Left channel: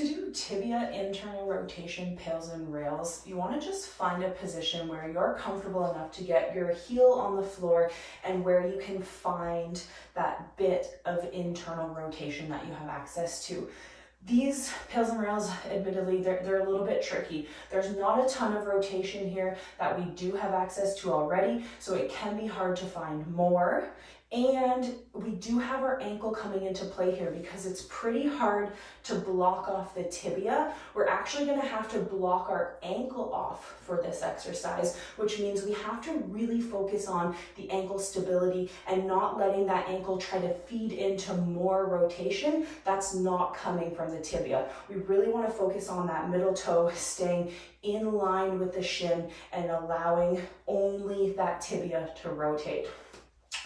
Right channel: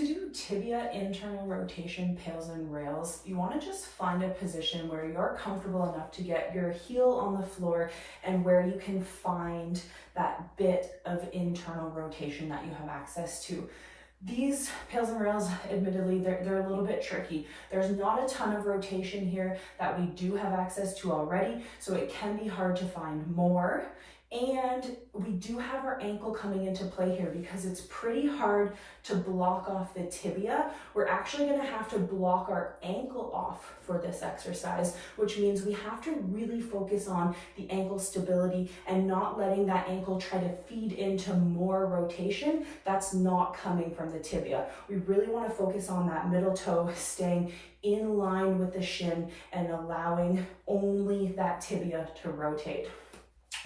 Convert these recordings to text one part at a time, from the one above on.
To do tibia internal rotation, pails and rails, you want to just find a position where you're comfortable enough to get your heel on the floor and where you can find that bit of internal rotation that you have access to. These pails and rails, admittedly, they're a little bit tricky. There's not a ton of rotation here that we do have access to already, so it can be hard to find more. And we do have our ankle coming into play here because it's pretty hard to block off the tibia. We're actually going to have to block our ankle off for this exercise, which means we have to really focus on the ankle stability and not letting that ankle try to feed into more rotation that's not coming from the tibia. We really want to focus on that middle toe staying in line with the shin and allowing only that tibia to rotate.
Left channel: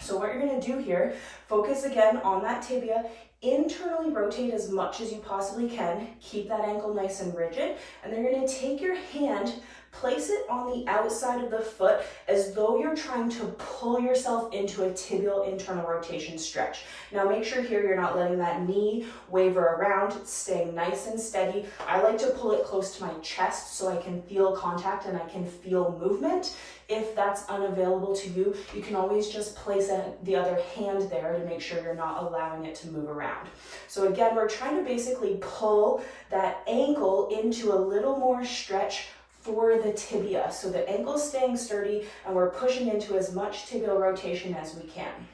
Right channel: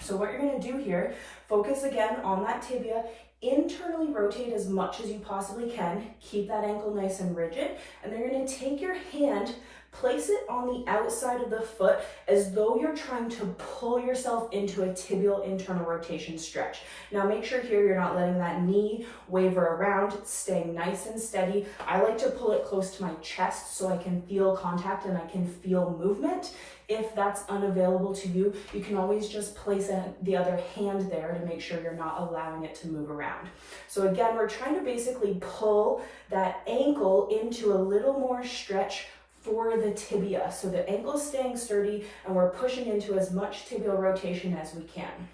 So what you're going to do here, focus again on that tibia, internally rotate as much as you possibly can, keep that ankle nice and rigid, and then you're going to take your hand, place it on the outside of the foot as though you're trying to pull yourself into a tibial internal rotation stretch. Now make sure here you're not letting that knee waver around, it's staying nice and steady. I like to pull it close to my chest so I can feel contact and I can feel movement. If that's unavailable to you, you can always just place the other hand there to make sure you're not allowing it to move around. So again, we're trying to basically pull that ankle into a little more stretch for the tibia. So the ankle's staying sturdy and we're pushing into as much tibial rotation as we can.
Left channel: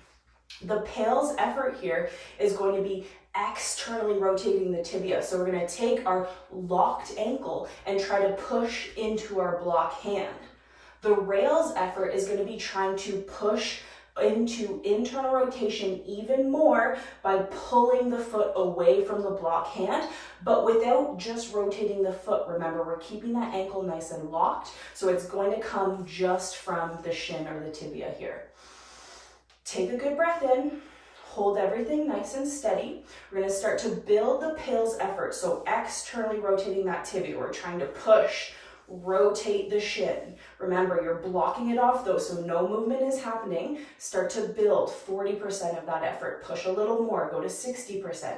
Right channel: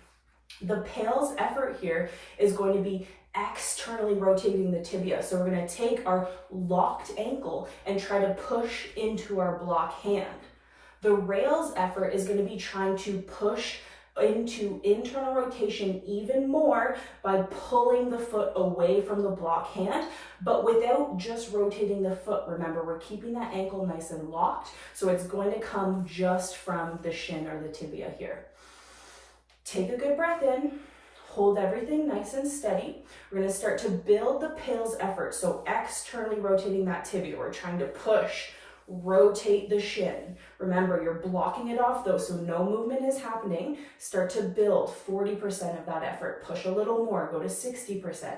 The Pails effort here is going to be externally rotating the tibia. So we're going to take our locked ankle and try to push into our block hand. The rails effort is going to be trying to push into internal rotation even more by pulling the foot away from the block hand, but without just rotating the foot. Remember, we're keeping that ankle nice and locked, so it's going to come just from the shin or the tibia here. Take a good breath in. Hold everything nice and steady. We're going to start to build the Pails effort, so externally rotating that tibia. We're trying to push, rotate the shin. Remember, you're blocking it off though, so no movement is happening. Start to build 40% of that effort. Push a little more, go to 60%.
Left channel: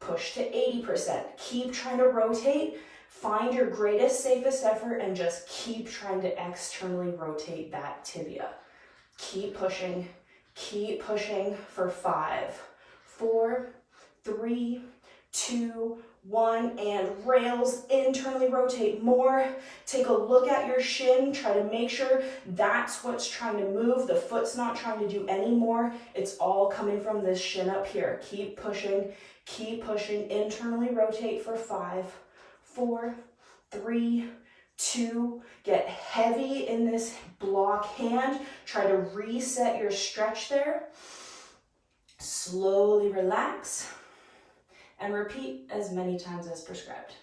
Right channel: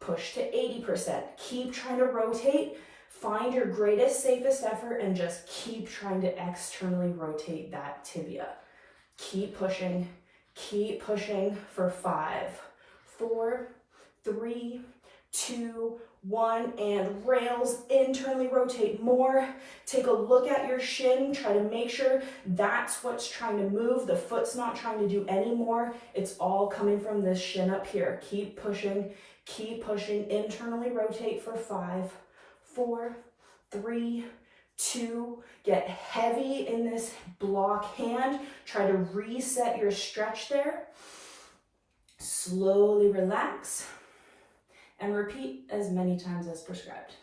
Push to 80%. Keep trying to rotate. Find your greatest, safest effort and just keep trying to externally rotate that tibia. Keep pushing for 5, 4, 3, 2, 1, and rails, internally rotate more. Take a look at your shin, try to make sure that's what's trying to move. The foot's not trying to do any more. It's all coming from this shin up here. Keep pushing, internally rotate for 5, 4, 3, 2, get heavy in this block hand. Try to reset your stretch there. Slowly relax and repeat as many times as prescribed.